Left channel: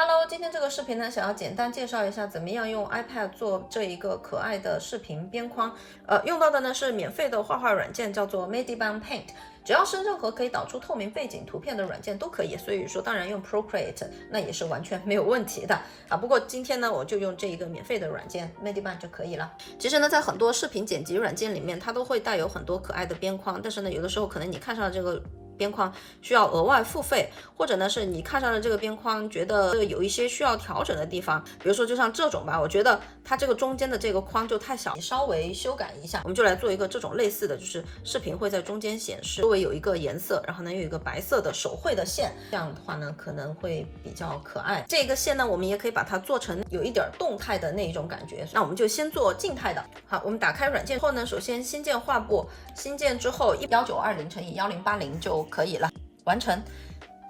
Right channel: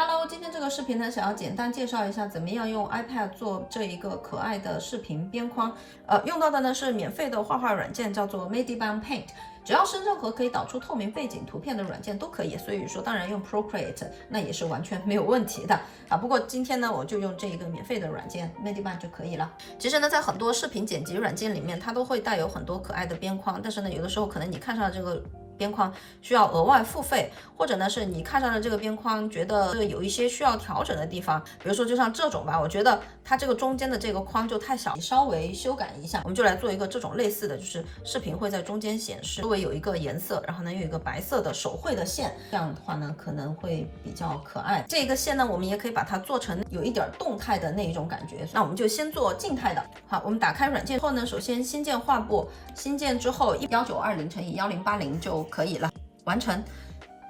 Hello，今天这个视频呢，想要简单介绍一下怎么样用 iPad 做这一个可爱的视频边框。用到的呢是免费的画画软件，叫做 Mediban Paint。只要是任何可以导出透明背景图片的软件都可以，所以说当然用 Procreate 那也是完全没有问题的啊。不过今天呢，我就用这一个免费的软件 Mediban 就可以了。其实呢，在很多视频剪辑软件里面，它都会带有很多可爱的边框，但是呢，有的时候可能你看上了这个边框需要额外付费，或者呢是你看上了这个边框觉得这个有一些需要调整的地方，比如说就像这种吧，我觉得它这个中间的这个框就太小，你稍微修改一下。我们就来做一个这种类似的，就是视频会在中间显示，周围有一个颜色，然后呢有一个白色的手绘的线，这样的话呢可能会比较可爱。这个线呢我们也可以把它做成有一点动态的那一种感觉，那我们就先做静态的。好，我们打开软件后呢，首先新建画布，新建之后1920×1080就可以了，完成。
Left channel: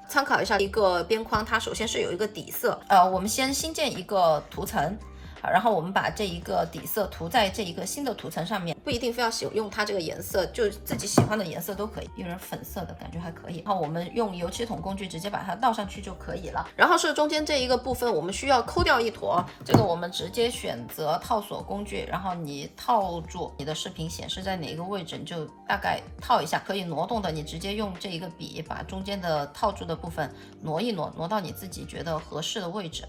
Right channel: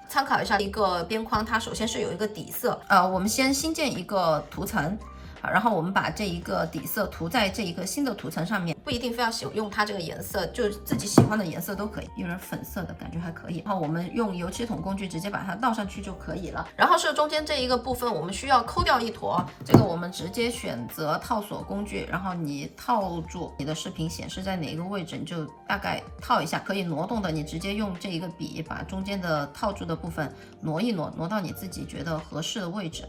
参考一下一个边框，它首先是有一个底色，我们先新建一个图层。好，然后我们把这一个底色涂在这一个新的图层上面，不一定非要使用它这个颜色，就自己喜欢的颜色都可以，有点粉色的感觉还可以。然后我们用油漆桶工具直接把它倒上去就可以了。然后是中间这一个部分，我们需要抠掉一坨，这个我们直接选择套索工具，然后你套住你的视频显示在哪个位置，你就大概套一下。可以挪动的，你直接用这一个笔把中间的套住的部分挪一挪，挪到你自己觉得合适的位置。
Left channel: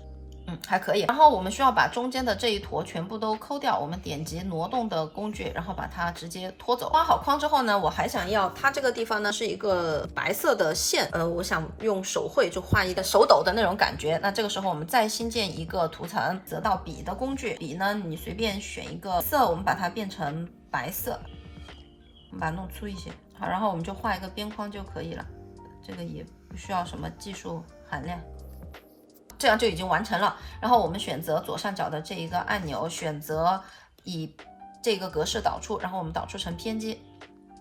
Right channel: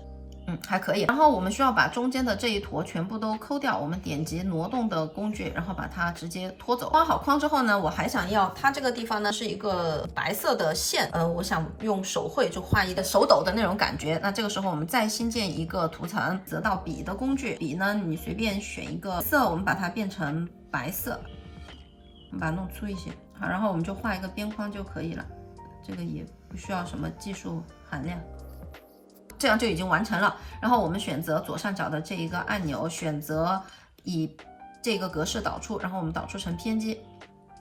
还可以。然后我们需要把中间的这一坨全部都抠掉，我们点击挪动的工具，然后把它直接拖走。画好框之后呢，我还想要它这个地方呢是一个白色的线，我想用手绘就画一个手抖的那种感觉。那这个时候我们再新建一个图层，择到笔的工具，笔呢你随便选一个色，我们把它变成白色，我们把它弄粗一些。好，然后我们就画一个边框就可以了，这个也不需要什么技术含量。这样就已经完成了。然后我们选择左上角的这一个按钮，选择以这个格式导出，然后我们导出成PNG，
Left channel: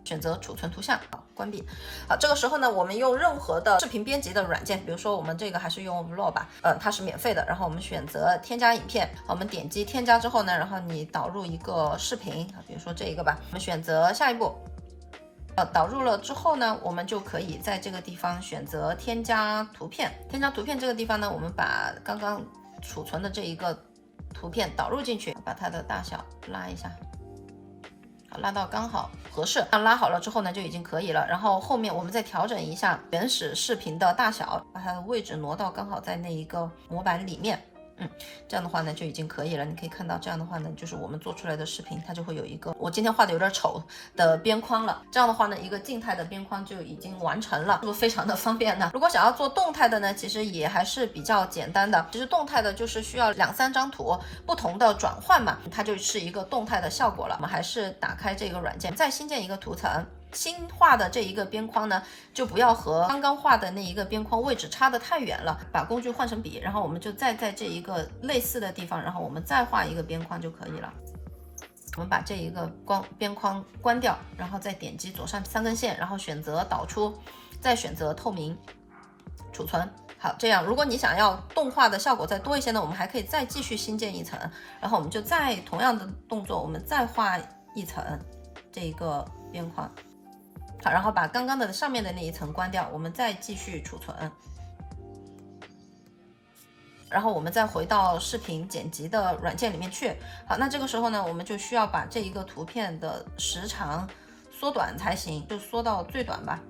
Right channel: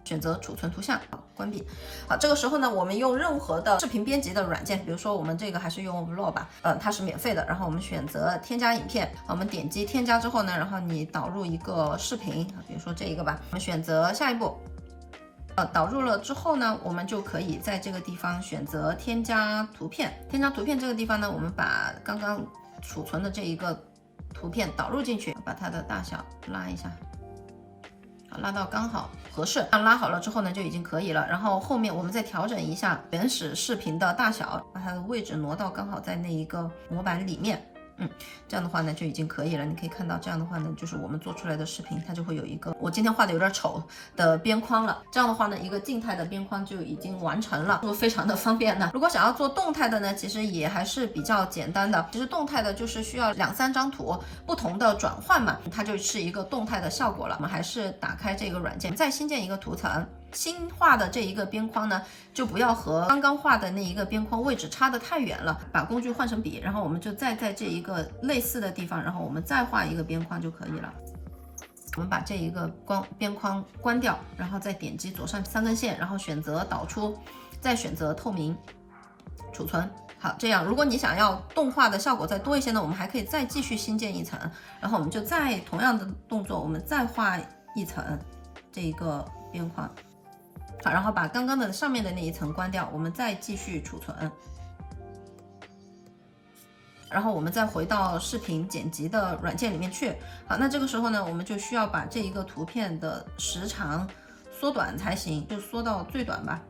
选择储存图像，关闭。好，这个时候呢，我们用任何的视频编辑的软件，比如说我们这个还是用 Vlog 吧，它是免费的。然后我们选择添加影片，我们点击添加之后呢，然后你导入一个视频，比如说这一个吧，我们选择下一步。导入了之后呢，我们就可以在这个地方选择添加图片。添加图片这个地方呢，我们把刚刚储存的这一个图片导入进去，把它的大小拉一下，好，拉到刚好合适。拉好了之后呢，就已经可以了。然后后面我们再调整一下原始视频的大小，把它的位置挪到刚好在那一个模板里面。这样的话呢就已经可以了。你可以看到这样的话呢，就是我们做出来的视频，它就会有一个我今天画的有点丑的边框了。这样的话呢，一个静态的边框就已经完成了，是不是非常的方便呢？如果想要做动态的呢，其实也还是比较简单的。其实动态的就是需要2-3张图不同的转换嘛，它就是一个动态的效果了。我们还是打开这个软件，再新建一个图层。新画的这一个边框呢，就不要和刚刚画的那一个边框位置差得太远了，把工具换成笔，然后我们就再在这一个类似的地方，然后我们再画一个边框就可以了。我们把这一个边框关掉，然后再点击左上3根线，然后选择导出，再选择透明储存。好，这样如果你想要动画的效果再多一些呢，我们还可以再继续新建一层，然后我们就再同样的动作，我们再画一层这一个边框。好，然后把刚刚的上面的那一层关掉，我们再继续储存，然后我们再回到视频剪辑的软件里面去。好，那这个时候呢，我们就需要把这一个图片的时长缩短才行，就缩到最短吧。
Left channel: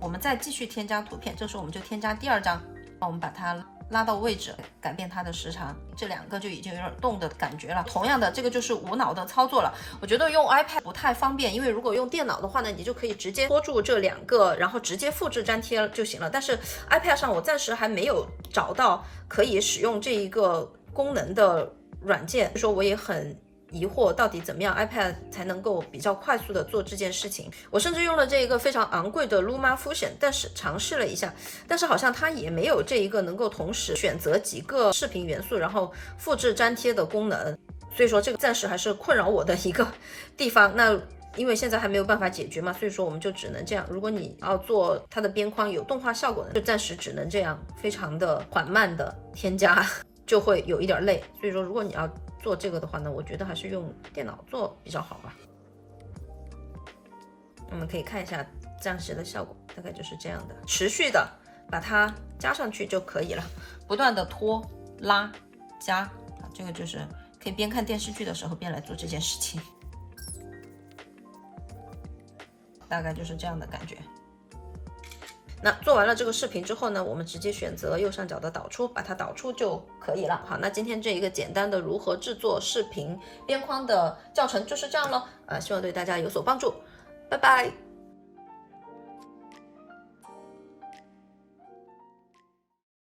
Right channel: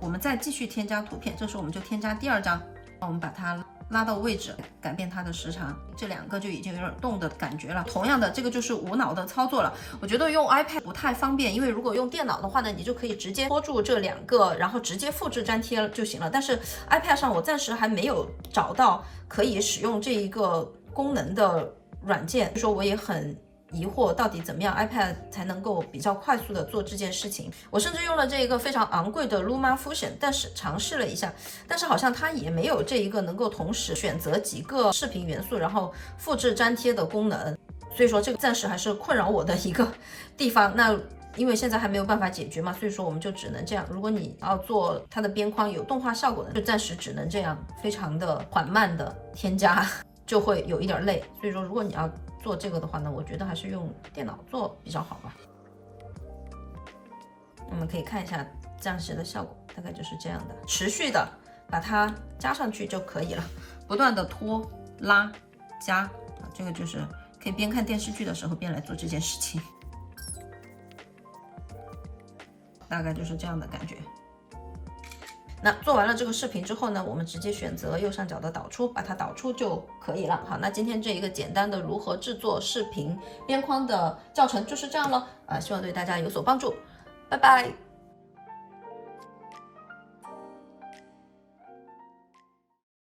我们再继续添加图片，这时候我们就添加第2张，我们把它拉到位置，改变它的时长，这2个就已经有点动的感觉了。同样的，这个就是无脑的操作了。我觉得用 iPad 不太方便，因为如果用电脑的话呢，你就可以直接拖住这2个，然后直接复制粘贴就行了。但是 iPad 上我暂时还没有找到可以使用这一个功能的软件，所以说我也很疑惑到底怎么样 iPad 才能够比较快速的做这件事情。我甚至用了这一个非常昂贵的 LumaFusion， 但是尝试了一下，但是好像它也没有这一个能够同时选择几个视频元素然后复制粘贴的功能，所以说这个暂时还是困扰我的一个地方。那因为现在还没有办法解决嘛，所以说我们就只能这样。如果你要做它的边框有动画效果的，就暂时只能这样，非常的缓慢的添加，就会有一点累。所以说如果你要做这个的话呢，我觉得还是用电脑做比较好吧。我们可以看一下暂时的效果，大概就是这样的，持续的把它加上去就可以了，不断的拖拉加啊，这个就是可以边看电视剧的时候边来做这件事情，大概就是这样的感觉。那做完了这个视频之后呢，我们直接选择右上角的导出，把它导出就可以了。好，那今天这一个简单的如何制作视频边框的教程就是这样了，希望对大家有所帮助，拜拜。